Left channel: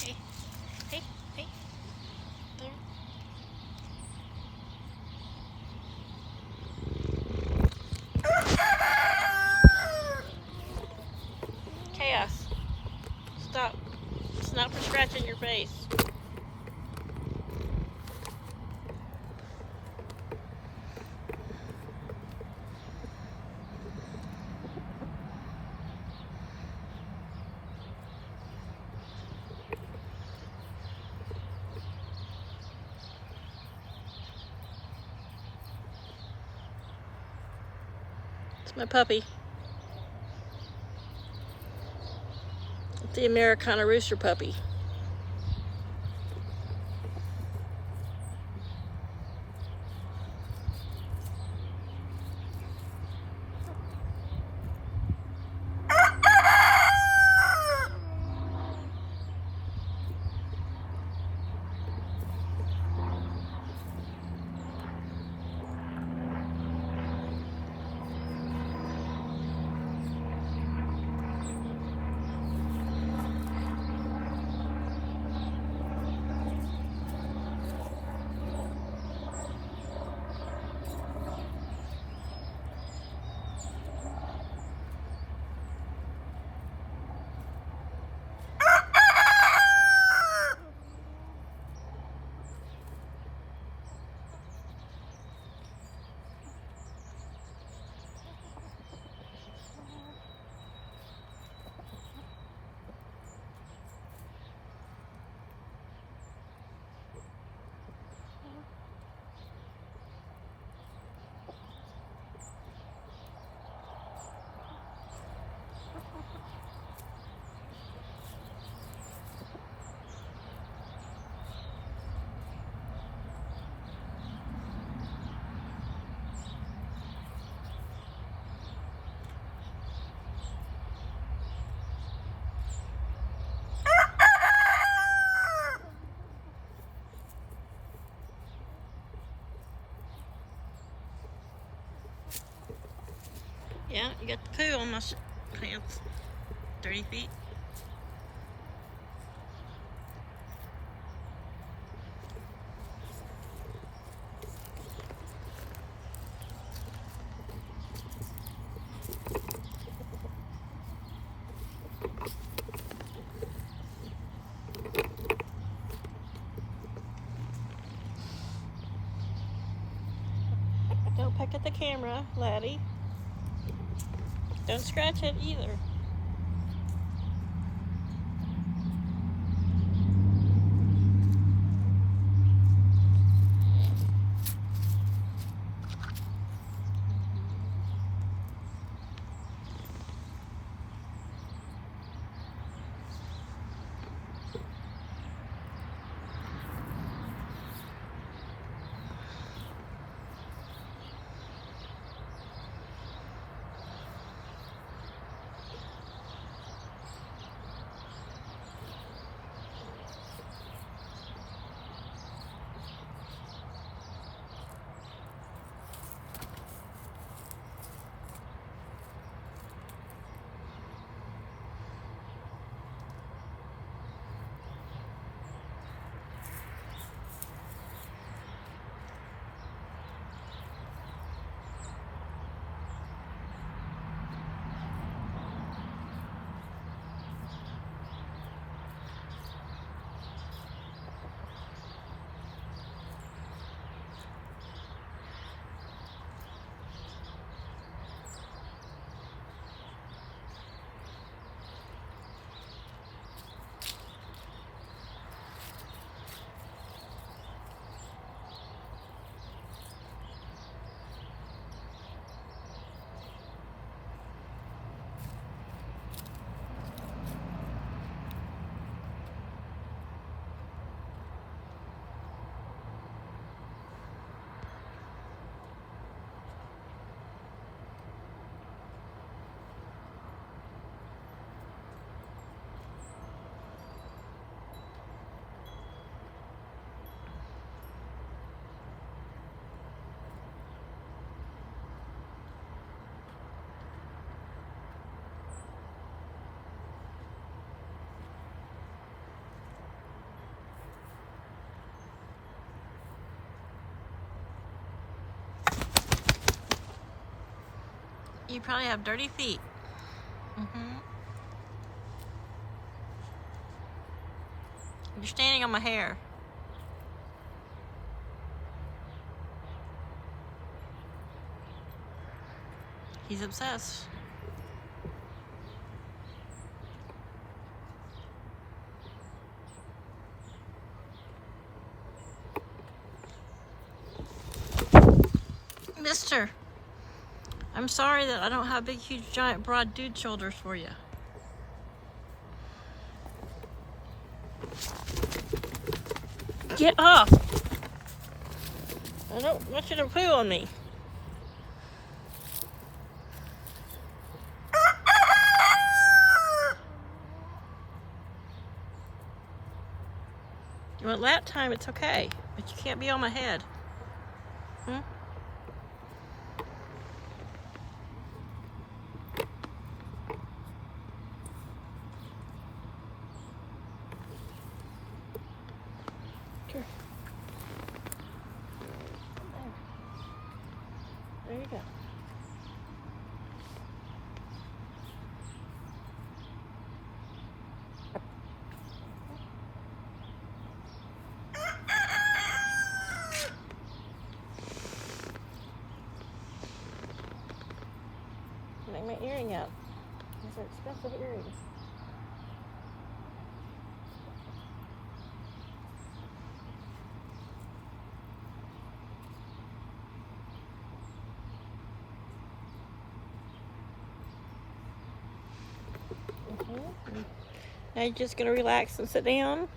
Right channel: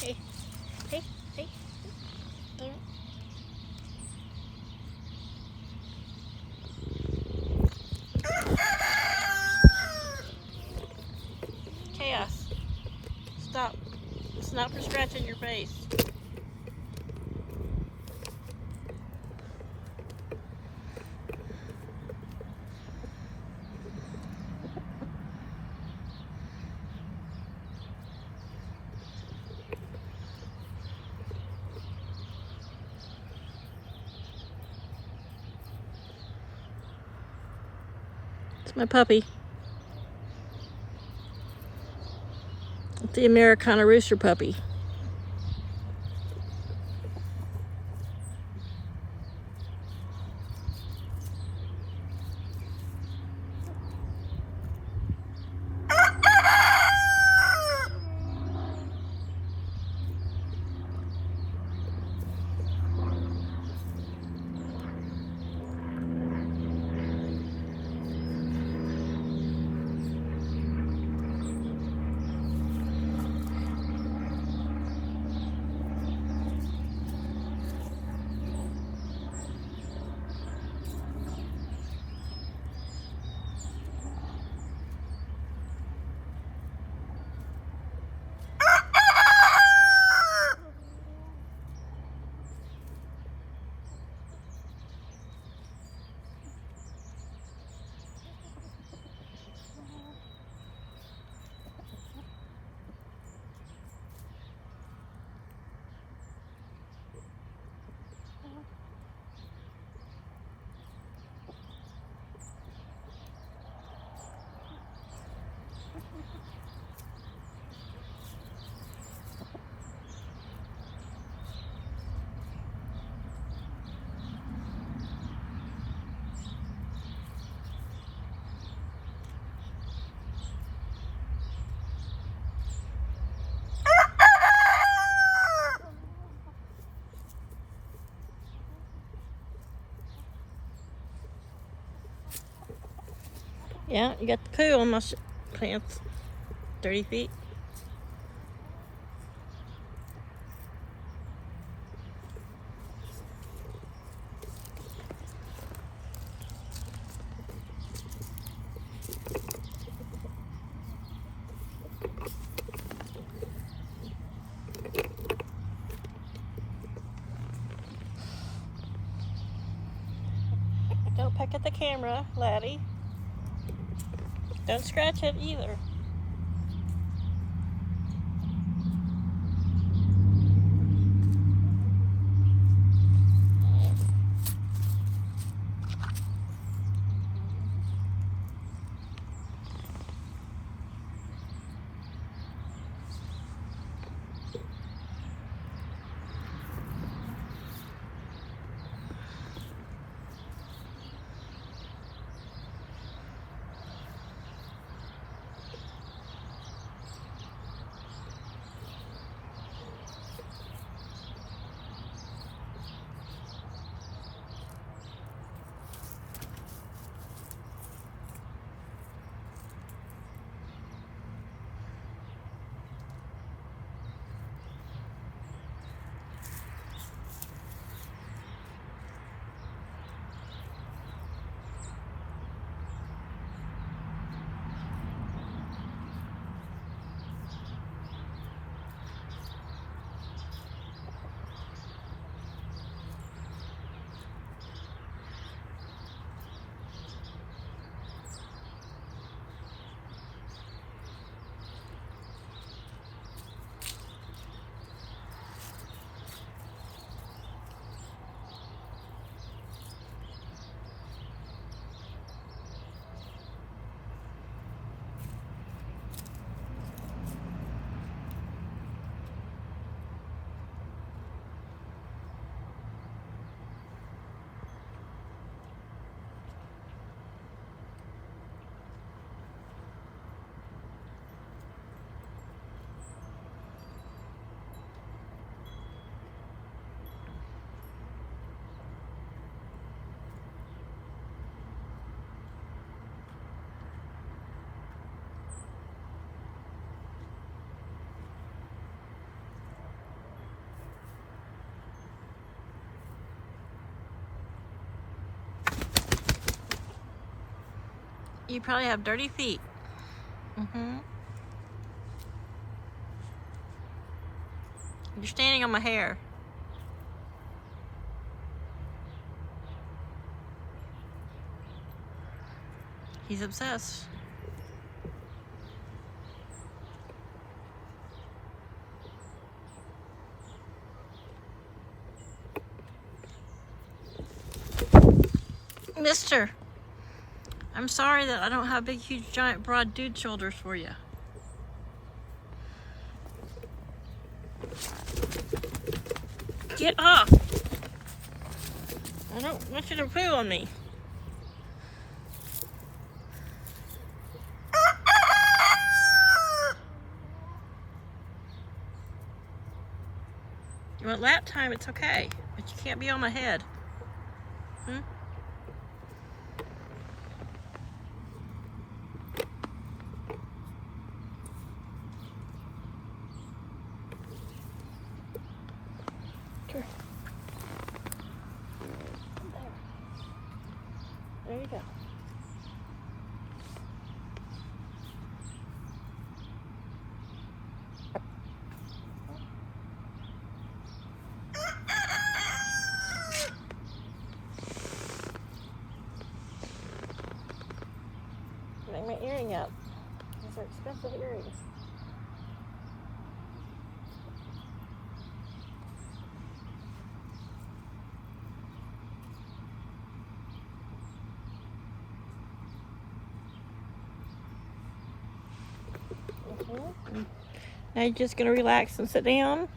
Hey, hey, hey. Don't. Chaos. Stop. It's not for scratching your face. It's my puppy. It's the Americana Rooster puppy. Yeah, you got the poo on my pants. 30 feet. Don't peck at the camera, Laddie. Don't scratch it either. You probably have dirty feet. Mm-hmm. You're standing on my hair. He's obsessed. Mister, I'm sorry that I don't have big, huge, giant, broad dude shoulders for you. Get off! I don't want you to poo on me. You want lap time, it's okay. But you can't be on my head. Hmm? There you go. Get my earring up. These are expensive earrings. Now you're just gonna relax and sit down.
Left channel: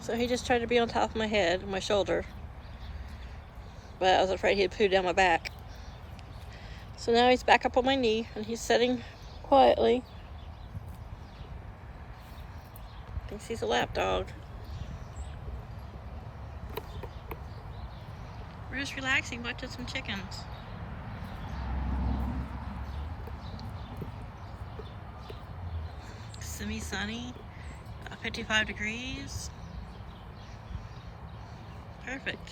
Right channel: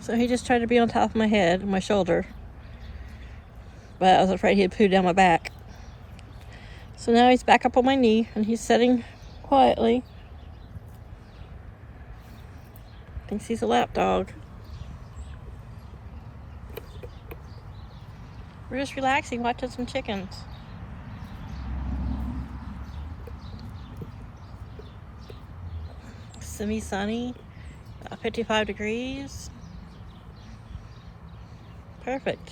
So he just tried to be on top of my head, my shoulder. But I was afraid he'd poo down my back. So now he's back up on my knee and he's sitting quietly. Thinks he's a lap dog. We're just relaxing, watching some chickens. Semi-sunny, 55 degrees. Perfect.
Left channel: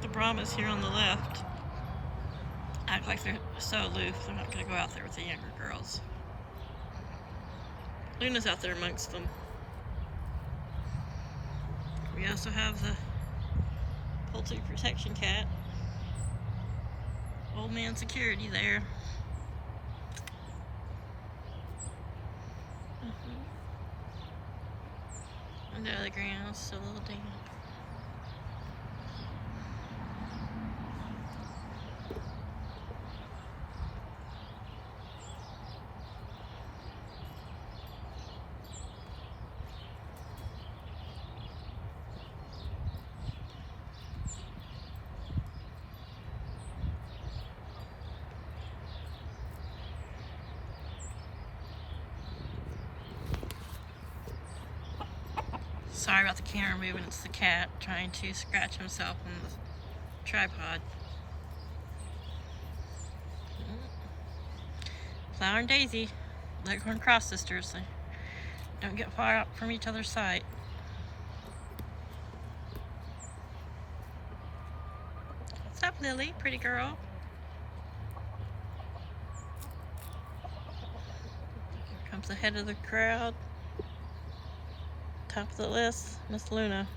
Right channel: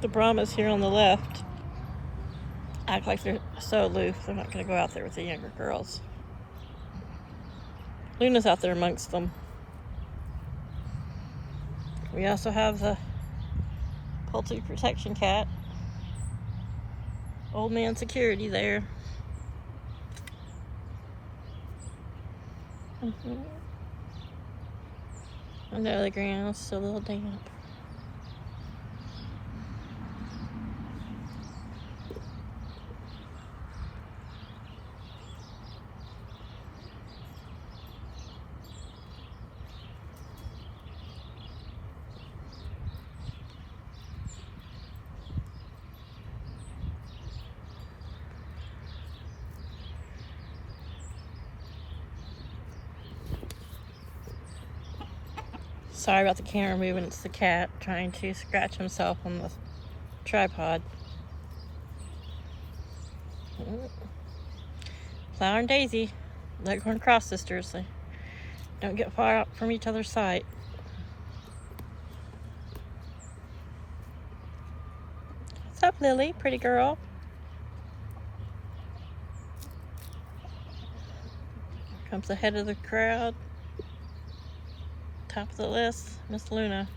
The Brahmas here on the left act like they're so aloof, they're not going to go out there with the younger girls. Luna's out there amongst them. We also have the poultry protection cat. Old man security there. Under the ground, still a little damp. Sorry about the camera moving, it's the cat trying to scratch himself on the tripod. Flower and Daisy, Leghorn Cross sisters. They don't get far out from each other's sight. What's up, Lily? Pretty girl. Here comes the head of the crowd. Top of the list, Miss Luna.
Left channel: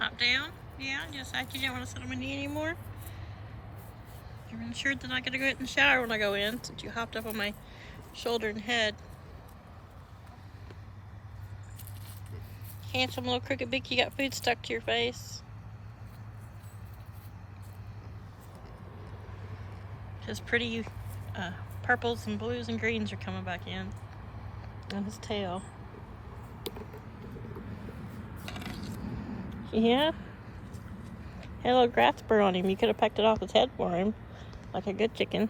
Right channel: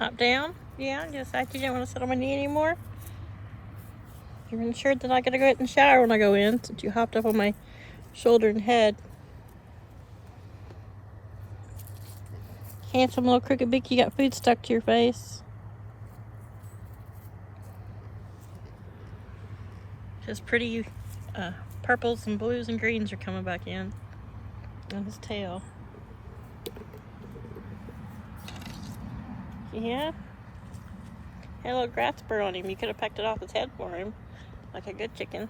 Hop down? Yeah, you decided you didn't want to sit on my knee anymore? I'm sure that I gotta go get in the shower when I go in, since you hopped up on my shoulder and head. Handsome little crooked beak, you got food stuck to your face. His pretty purples and blues and greens are coming back in on his tail. Yeah. Had a little grass burr on him. You could have pecked it off his head for him, like a good chicken.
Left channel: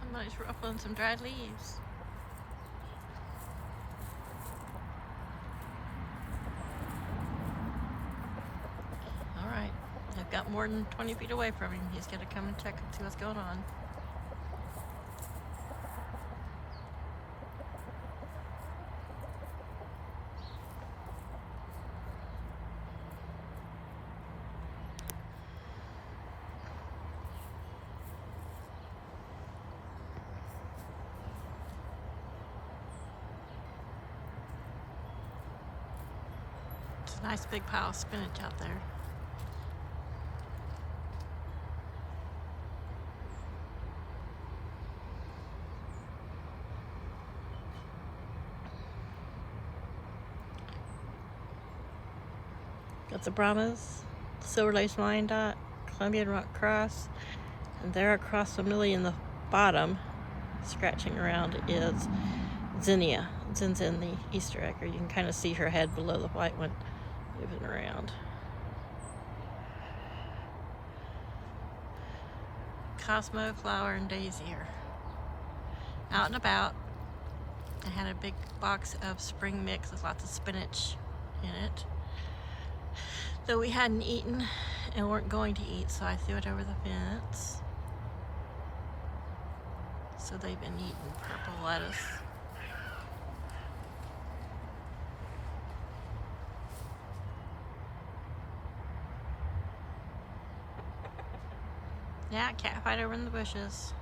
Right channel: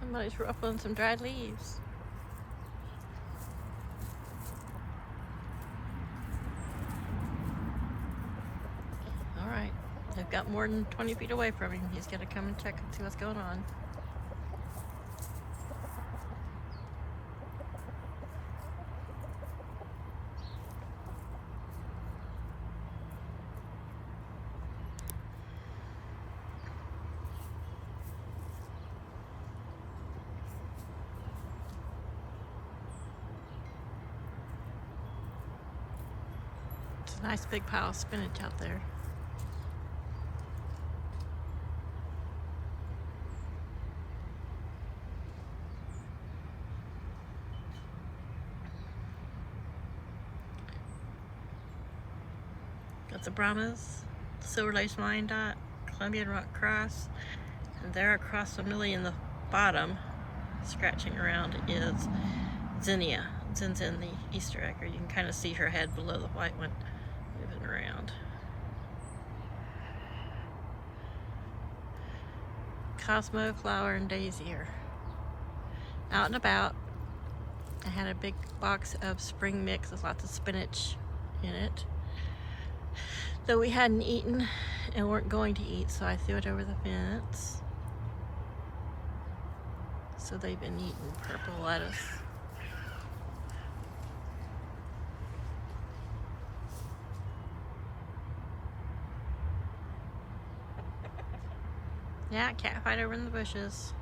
Somebody's ruffling some dried leaves. Alright, they've got more than 20 feet away from him. He's got to come and check and see what's going on. Nice big pile of spinach out there. Got the Brahmas, Silver Lace Lion Dot, Colombian Rock Cross, and there across the millie in the bottom, scratching around, is Zinnia. Zin's in the Easter egg, or you can kind of see her head below the white one moving around. Cosmo, Flower, and Daisy are out and about. I had a big box of spring mix with lots of spinach in it, though we hadn't eaten and weren't going to eat, so I threw it over the fence. So they've been eating purple lettuce. Yeah, cat fight over in the bushes.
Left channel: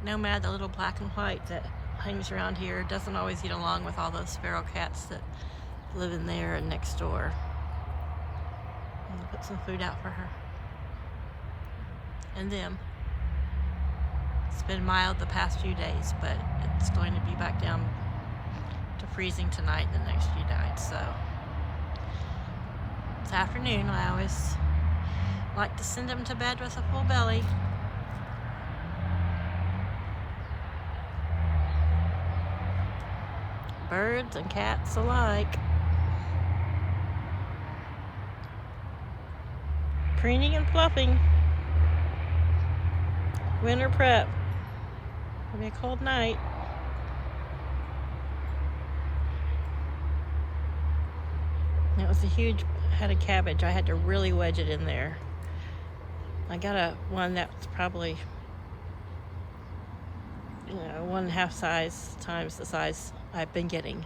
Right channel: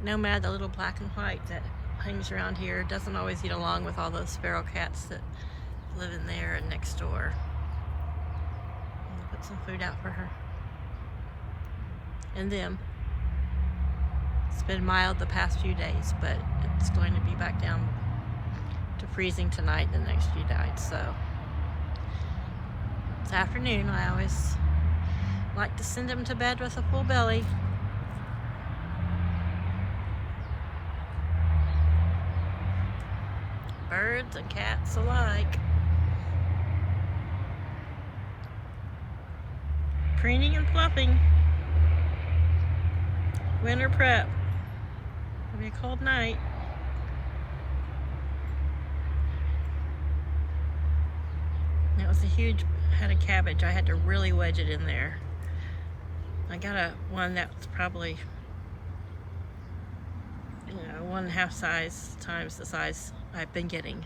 Nomad, the little black and white that hangs around here, doesn't always get along with all those feral cats that live in there and next door. I'm gonna put some food out for her. And them. It's been mild the past few days, but it's going to be back down to freezing tonight and the next few nights, so. It's afternoon, I always like to send them to bed with a full belly. Birds and cats alike. Preening and fluffing. Winter prep. It'll be a cold night. That was a huge head of cabbage. I had to really wedge it in there. I got one that's probably, 1.5 size times the size I've been getting,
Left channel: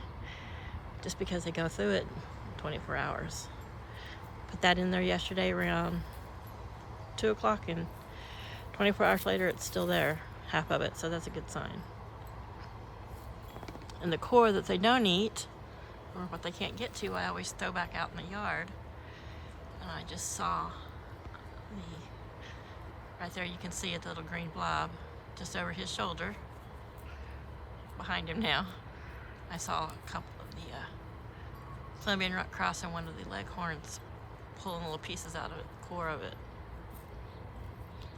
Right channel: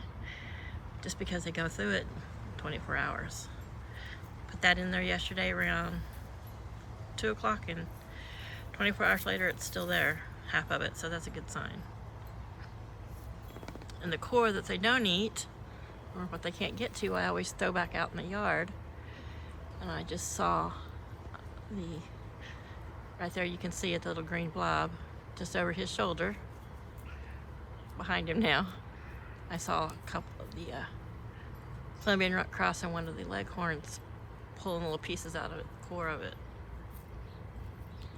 just because they go through it in 24 hours. Put that in there yesterday around 2 o'clock, and 24 hours later it's still there, half of it, so that's a good sign. And the core that they don't eat, or what they can't get to, I always throw back out in the yard. And I just saw right there, you can see it, the little green blob just over his shoulder, behind him now. I saw a couple of the Colombian Rock Cross and one of the leghorns pulling little pieces out of it, the core of it.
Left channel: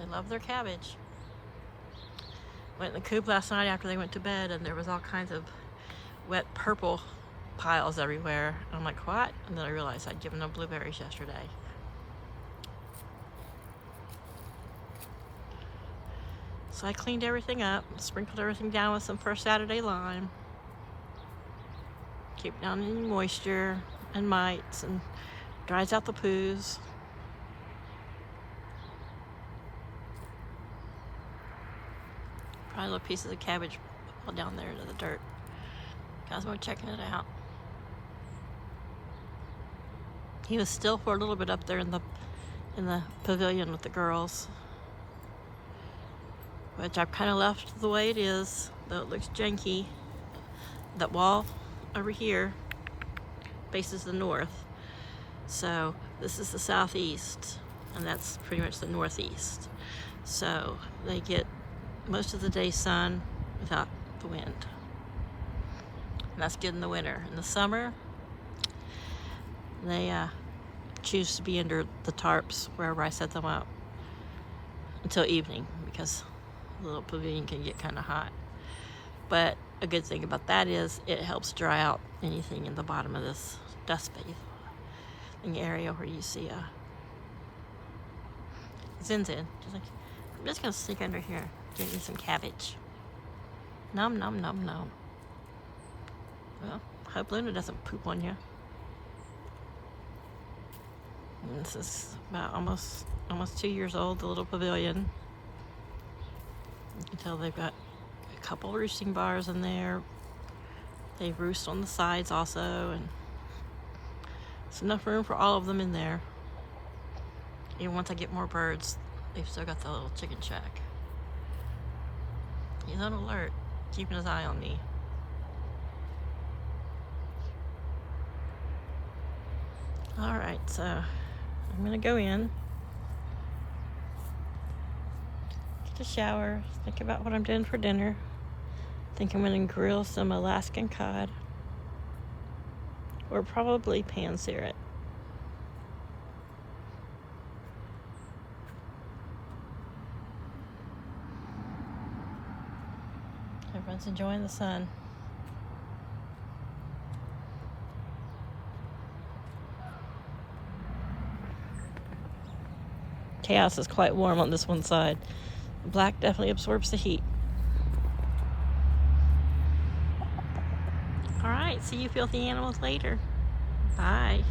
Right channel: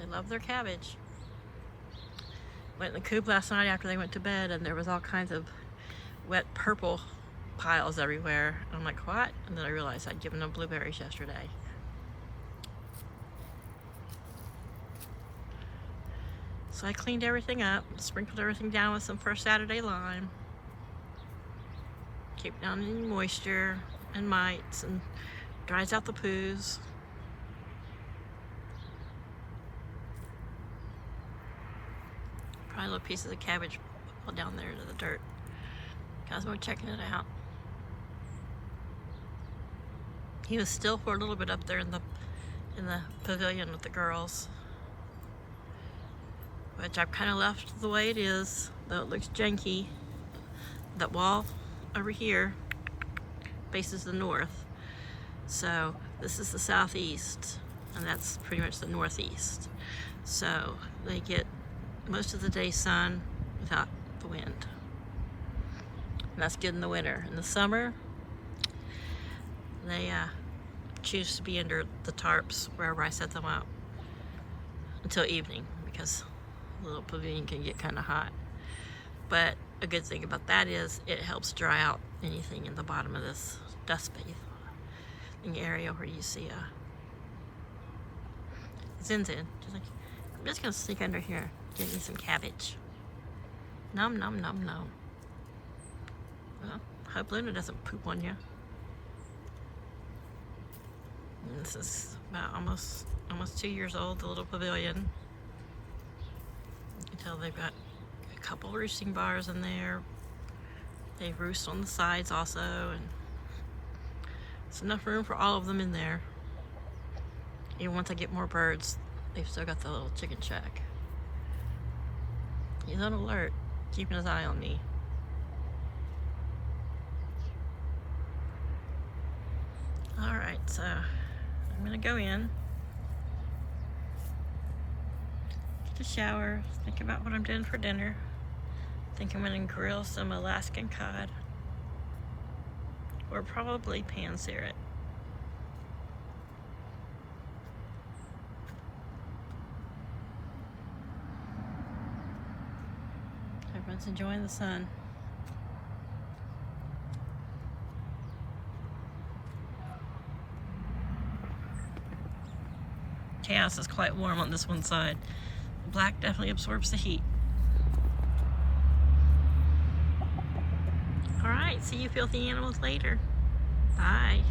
They love their cabbage. Went in the coop last night after they went to bed, and there was all kinds of wet purple piles everywhere. I'm like, what? And then I realized I'd given them blueberries yesterday. So I cleaned everything up, sprinkled everything down with some First Saturday lime. Keep down any moisture. and mites and dries out the poos. Probably little pieces of cabbage fall down there into the dirt. Cosmo checking it out. He was still for a little bit up there in the pavilion with the girls, which I've kind of left the way it is, though it looks janky. That wall over here faces the north, so this is the southeast, and that's pretty much the northeast. So they get most of the day sun without the wind, and that's good in the winter. In the summer, they choose to be under the tarps wherever I set them up until evening, because the little pavilion can get kind of hot. But a good thing about that is it helps dry out anything in the bottom of this dust bathing area where you see Zin's in. She's like, I'm just gonna sneak under here, get me some cabbage. Nom nom nom nom. Well, hope Luna doesn't poop on you. And this is about almost 2 years old, the little pavilion. You can tell they've got a couple roosting bars in there. They roost on the sides also, and there's enough room for all of them in there. Even once I get more birds, they've still got the little chicken shack. He's on alert, keeping his eye on me. Alright, so I'm gonna go in, get a shower, think about what I'm doing for dinner. I think I'm gonna grill some Alaskan cod, or probably pan-sear it. Everyone's enjoying the sun. Kaos is quite warm on this one side. Black definitely absorbs the heat. All right, see you filthy animals later. Bye.